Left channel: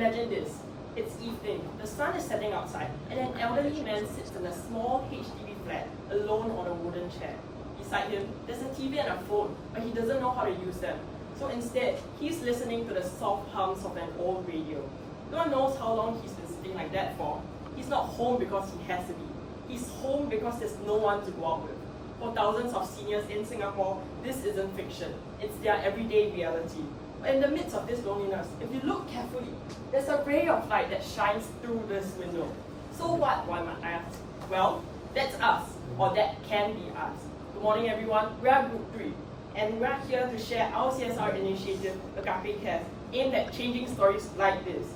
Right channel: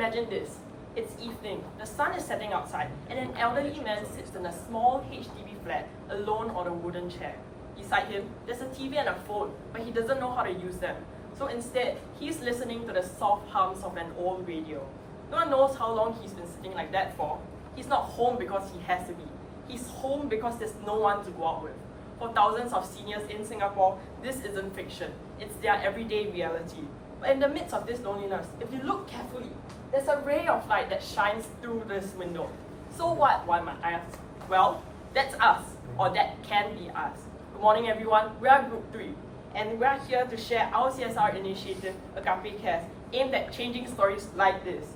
Imagine this. It's evening, the sun is setting outside, and an elderly man sits in a small HDB flat, alone on a wooden chair. Beside him, there's a TV and a phone, but he doesn't know how to use them. So instead, he's listening to the soft hums of an old radio. No one knows how long he's been sitting like that for. He's not home because he has to be. He's home because there's no one to go out with. For thousands of seniors in Singapore, this isn't fiction. It's their everyday reality. But in the midst of this loneliness, if you look carefully, there's a ray of light that shines through this window. So what, one might ask? Well, that's us, or that can be us. Good morning, everyone. We are Group 3, and we are here to share our CSR initiative, Agape Cares, aimed at changing stories like this.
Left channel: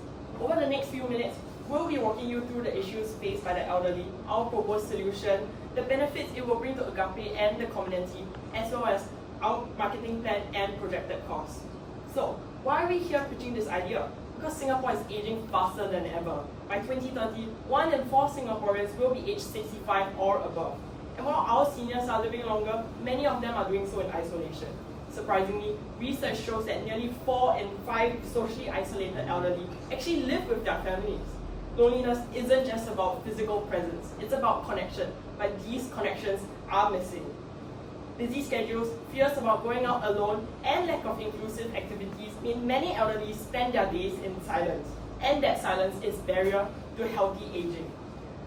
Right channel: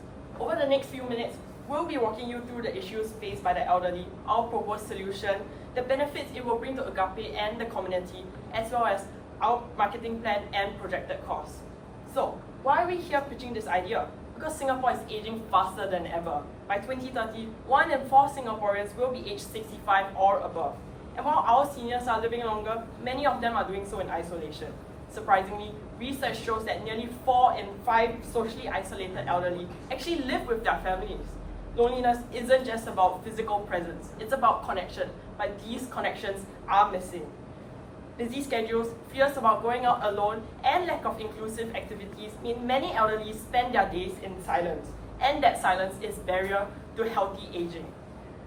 Over the next few minutes, we'll be walking you through the issues faced by the elderly, our proposed solution, the benefits it will bring to Agape and the community, as well as our marketing plan and projected costs. So, why are we here pitching this idea? Because Singapore is aging faster than ever. By 2030, 1 in 4 Singaporeans will be aged 65 or above. And while our seniors are living longer, many of them are doing so in isolation. Surprisingly, research shows that nearly 4 in 5 socially isolated elderly actually live with their families. Loneliness isn't just about physical presence, it's about connection, but these connections are missing. Busy schedules, fears about going out alone, and lack of inclusive activities mean many elderly spend their days in silence, and that silence is barrier to healthy aging.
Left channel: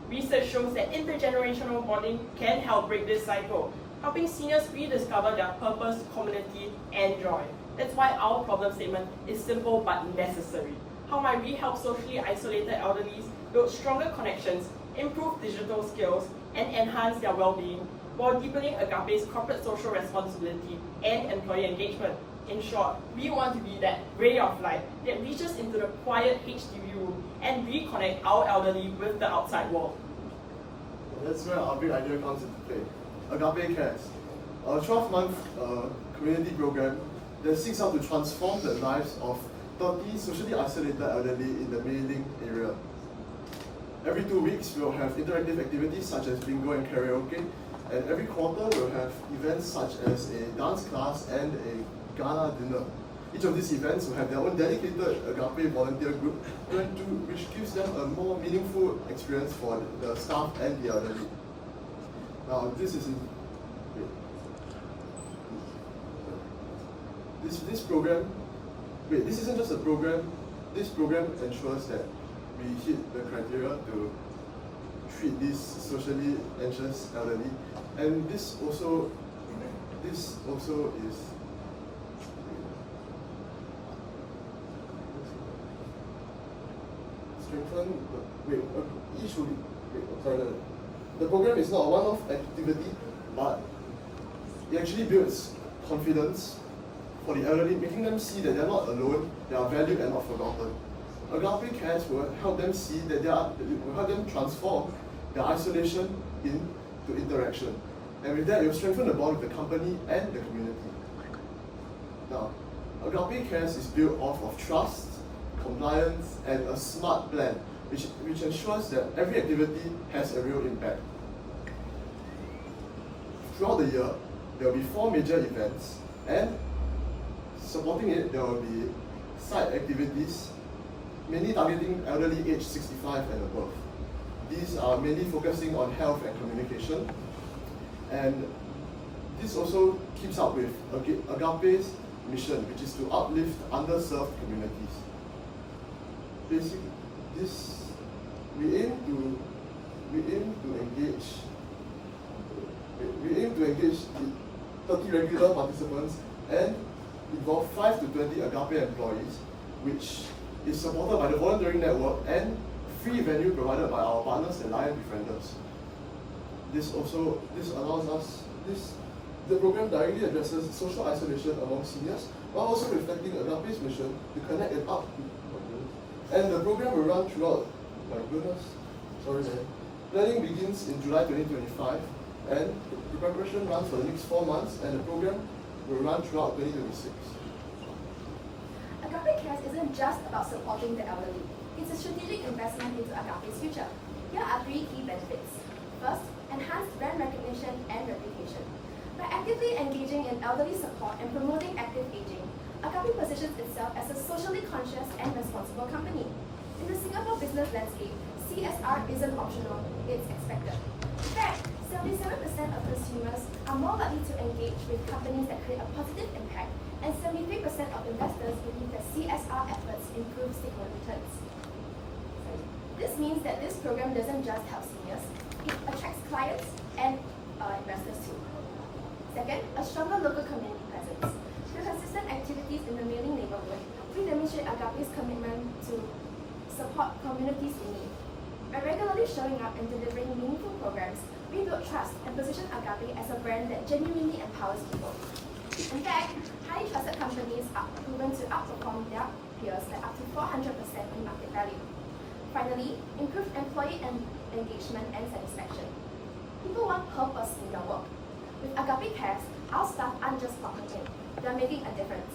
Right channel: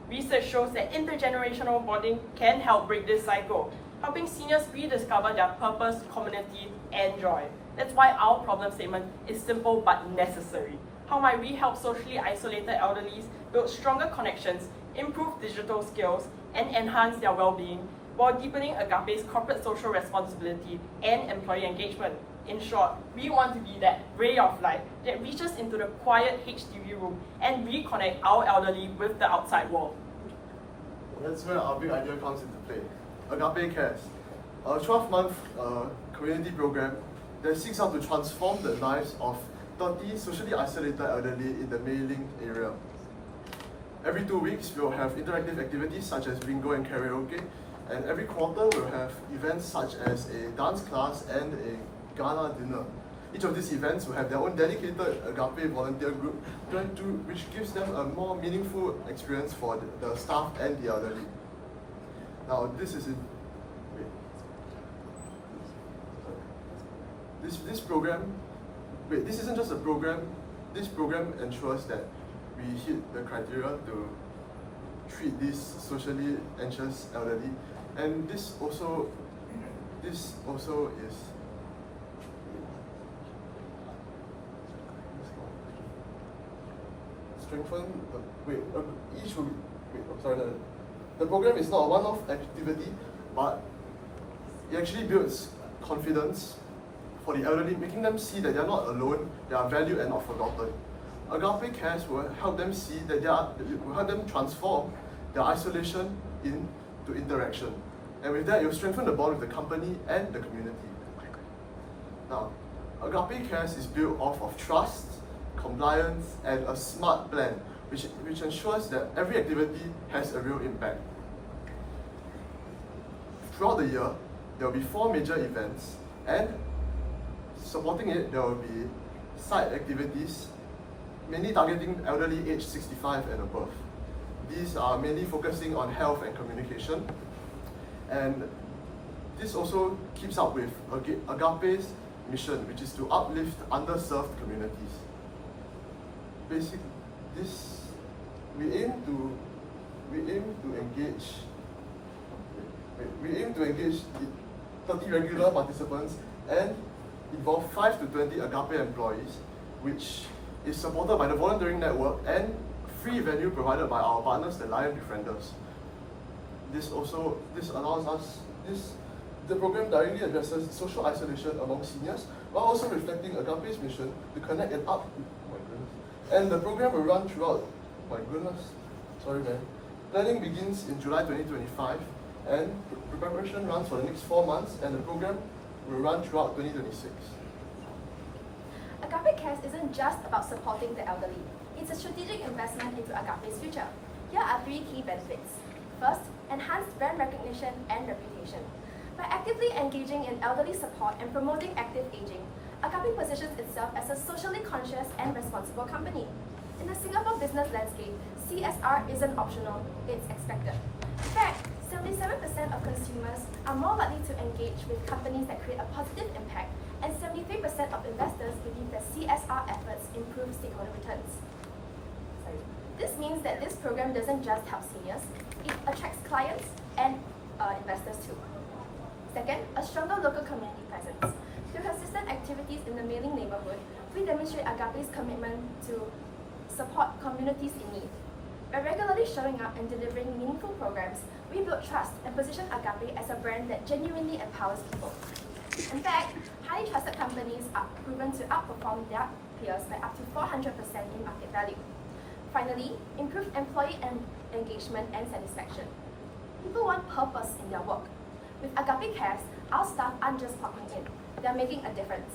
Research shows that intergenerational bonding can help break this cycle, helping seniors rediscover their purpose, community, and joy. That's why our problem statement is simple but necessary. How might we help socially isolated elderly build stronger connections, improve digital skills, and enhance their well-being, while deepening Agape's corporate social responsibility and employee engagement? In short, we want to be that ray of light that reaches into the quiet HDB room and reconnect our elderly with the outside world. That's where our big idea comes into play. Agape Cares, a 12-month community program that seeks out to transform the lives of 30 socially isolated elderly in the Mei Ling area. Every 2 weeks, we'll have interactive activities such as bingo and karaoke, and every quarter we'll have events such as a dance class and a gala dinner. Each of these events will have their own dedicated Agape volunteer group, which gives them a more meaningful experience for the staff and the elderly. Now, this isn't just a program. This program ensures that we hit the criteria to treat these socially anxious elderly, and this also is strengthen the the program is not a one-off activity, but it actually builds confidence for the elderly, making them see that they are not alone, they are valued and not forgotten. Agape Cares will help them see that will help them transform their isolation into interaction. And with that, it will strengthen the bond with the company and the community. Now, Agape Cares is built off of trust, compliance, and a smart plan, which ensures that every activity has a real impact. Throughout the year, there will be 4 major events, and supporting it, there will be side activities, mainly targeting elderly aged 65 and above. These are mainly focusing on health and communication, and this also keeps up with Agape's mission, which is to uplift underserved communities. Basically, we aim to engage 30 regular participants and involve 5 to 20 Agape employees, which is supported by the volunteering network and free venue provided by our partners, the Lion Befrienders. The program directly addresses social isolation among seniors, while also reflecting Agape's mission to connect and And the program will run throughout, Planning begins in July 2025, and preparation runs for the next 4 months, and the program will run throughout 2026. Agape Cares isn't just about supporting the elderly. It's a strategic investment into Agape's future. Here are 3 key benefits. First, enhanced brand recognition and reputation. By actively engaging in elderly support and promoting active aging, Agape positions itself as a socially conscious and responsible company. In the Singapore business landscape, CSR isn't optional, it's expected. In fact, 77% of consumers are more likely to engage with companies that create a positive impact, and 73% of investors believe that CSR efforts improve stakeholder returns. This means that this program doesn't just help seniors, it attracts clients and investors too. Second, a stronger local community presence. Through consistent activities in the mailing neighborhood, we demonstrate Agape's commitment to support communities in need. By regularly showing up and delivering meaningful programs, we build trust and position Agape as a brand that genuinely empowers people. In fact, highly trusted companies are proven to outperform their peers by up to 400% in market value. Finally, improved employee engagement and satisfaction. People want purpose in their work. With Agape Cares, our staff aren't just clocking in, they're making a difference.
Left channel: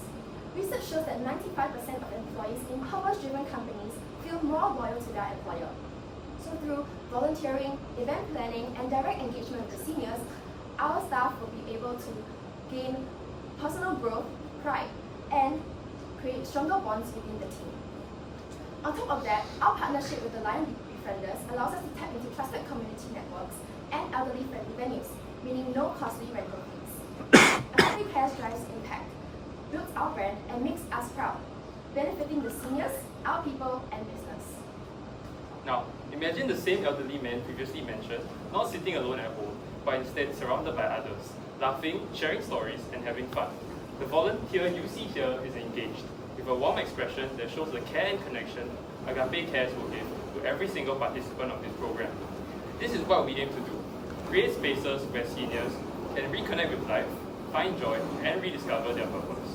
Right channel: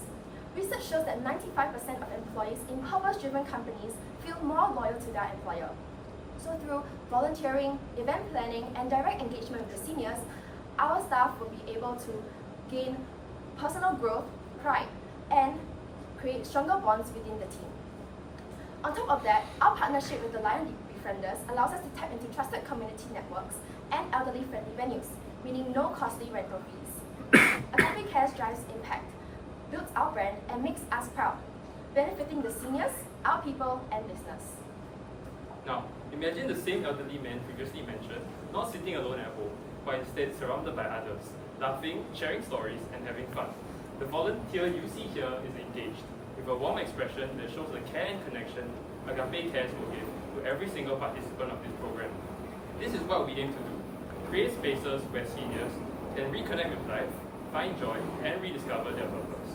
Research shows that 95% of employees in purpose-driven companies feel more loyal to their employer. So through volunteering, event planning, and direct engagement with the seniors, our staff will be able to gain personal growth, pride, and create stronger bonds within the team. On top of that, our partnership with the Lion Befrienders allows us to tap into trusted community networks and elderly-friendly venues, meaning no costly rental fees. Agape Cares drives impact, builds our brand, and makes us proud, benefiting the seniors, our people, and business. Now, imagine the same elderly man previously mentioned, not sitting alone at home, but instead surrounded by others, laughing, sharing stories, and having fun. The volunteer you see here is engaged, with a warm expression that shows the care and connection Agape Cares will give to every single participant of this program. This is what we aim to do: create spaces where seniors can reconnect with life, find joy, and rediscover their purpose.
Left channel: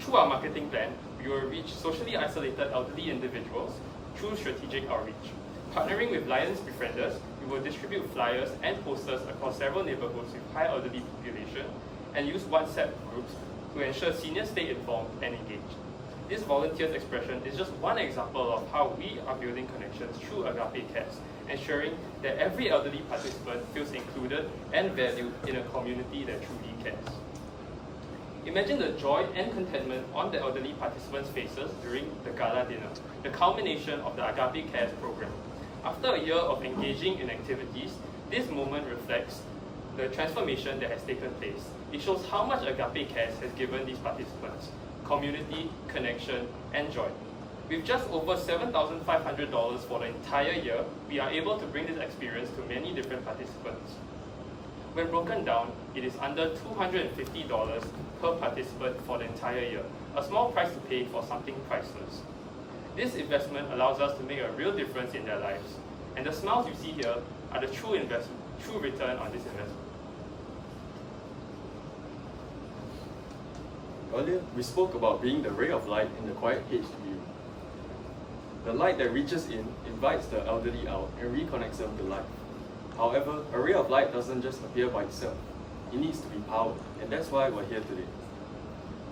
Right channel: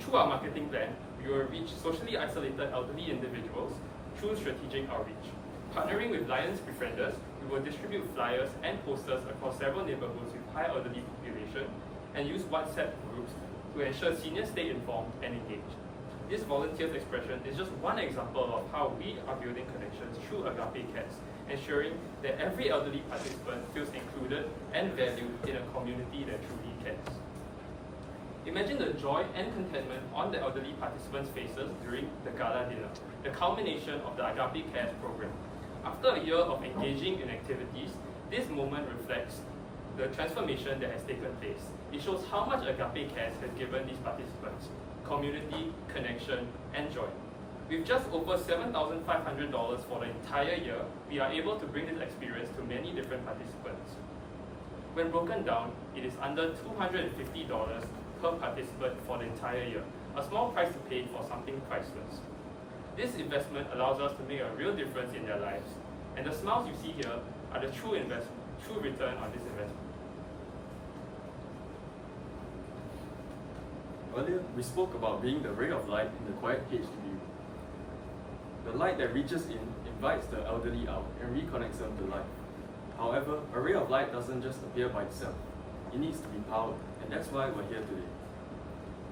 Through our marketing plan, we will reach socially isolated elderly individuals through strategic outreach. Partnering with Lions Befrienders, we will distribute flyers and posters across several neighborhoods with high elderly population and use WhatsApp groups to ensure seniors stay informed and engaged. This volunteer's expression is just one example of how we are building connections through Agape Cares, ensuring that every elderly participant feels included and valued in a community that truly cares. Imagine the joy and contentment on the elderly participants' faces during the gala dinner, the culmination of the Agape Cares program. After a year of engaging in activities, this moment reflects the transformation that has taken place. It shows how much Agape Cares has given these participants: community, connection, and joy. With just over $7,500 for the entire year, we are able to bring this experience to many different participants. When broken down, it is under $250 per participant for the entire year, a small price to pay for something priceless. This investment allows us to make a real difference in their lives, and the smiles you see here are the true return on this investment. Earlier, we spoke about being the ray of light in the quiet HDB. The light that reaches in invites the elderly out and reconnects them to life. However, a ray of light doesn't just appear by itself. It needs to be powered, and that's why we're here today.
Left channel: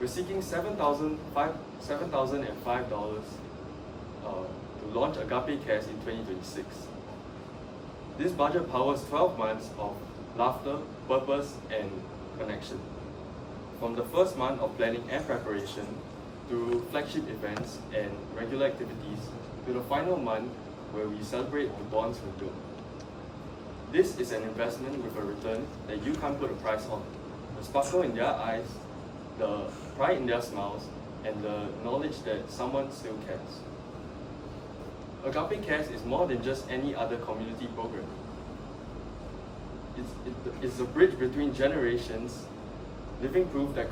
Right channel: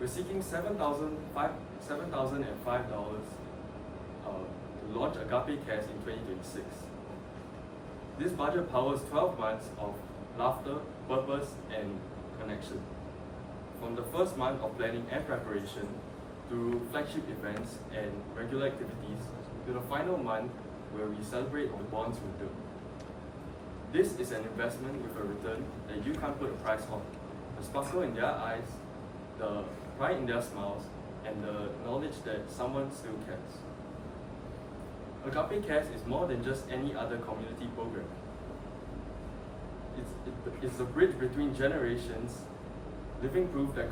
We're seeking $7,005 to launch Agape Cares in 2026. This budget powers 12 months of laughter, purpose, and connection. From the first month of planning and preparation, to flagship events and regular activities, to the final month where we celebrate on bonds with them. This is an investment with a return that you can't put a price on. The sparkle in their eyes, the pride in their smiles, and the knowledge that someone still cares. Agape Cares is more than just any other community program. It's a bridge between generations, living proof that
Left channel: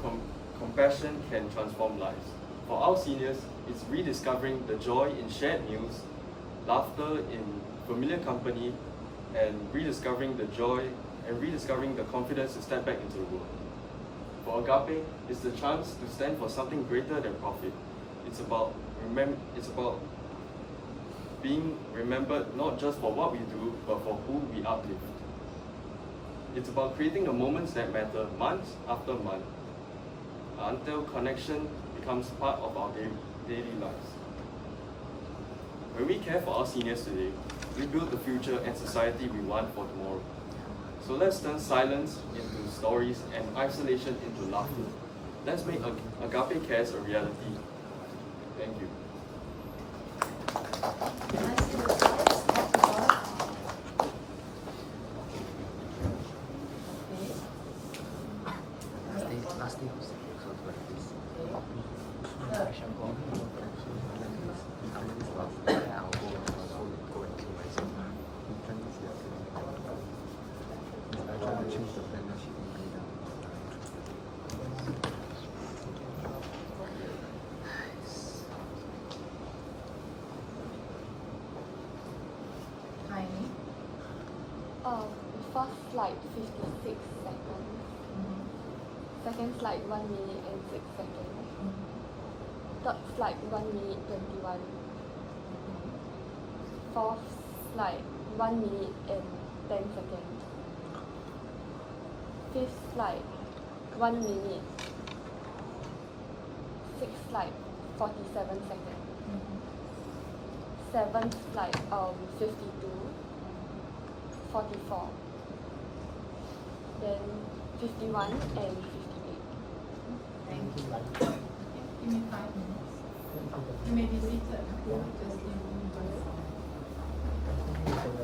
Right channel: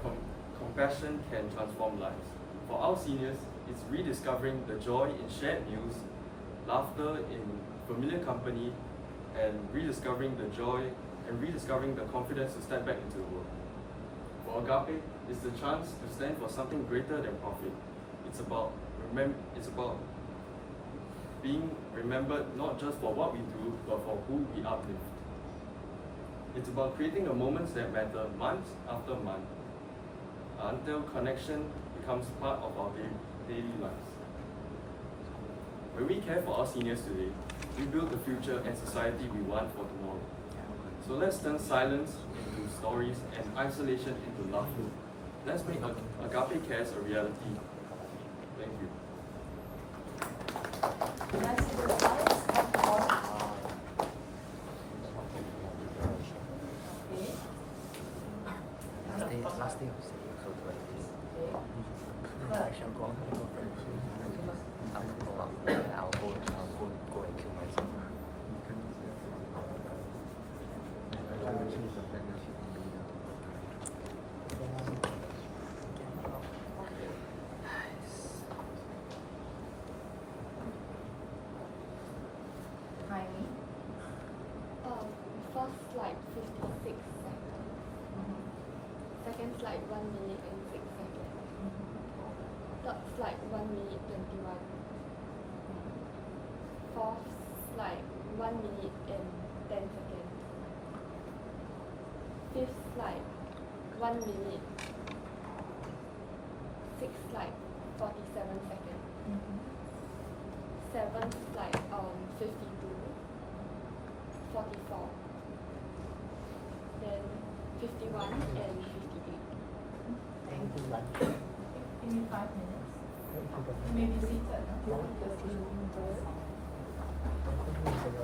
compassion can transform lives. For our seniors, it's rediscovering the joy in shared meals, laughter in familiar company, and rediscovering the joy and rediscovering the confidence to step back into the world. For Agape, it's the chance to stand for something greater than profit. It's about being remembered not just for what we do, but for who we uplift. It's about creating the moments that matter month after month, until connection becomes part of our daily lives. When we care for our seniors today, we build the future and society we want for tomorrow. So let's turn silence into stories and isolation into laughter. Let's make Agape Cares a reality. Thank you. Can I see the results of the audit? Okay. Third. I tried to change the plan that she didn't pay down. Timing. First slide 56 seconds. Second slide 1 minute and 6 seconds. Third slide 1 minute 21. Fourth slide 1 minute and 10 seconds. Fifth slide 1 minute. Sixth slide 47 seconds. Seventh slide 52. 44. Then 51 and 58. Thank you. Give me 5 minutes. You may be seated. No? Just give me 5 minutes.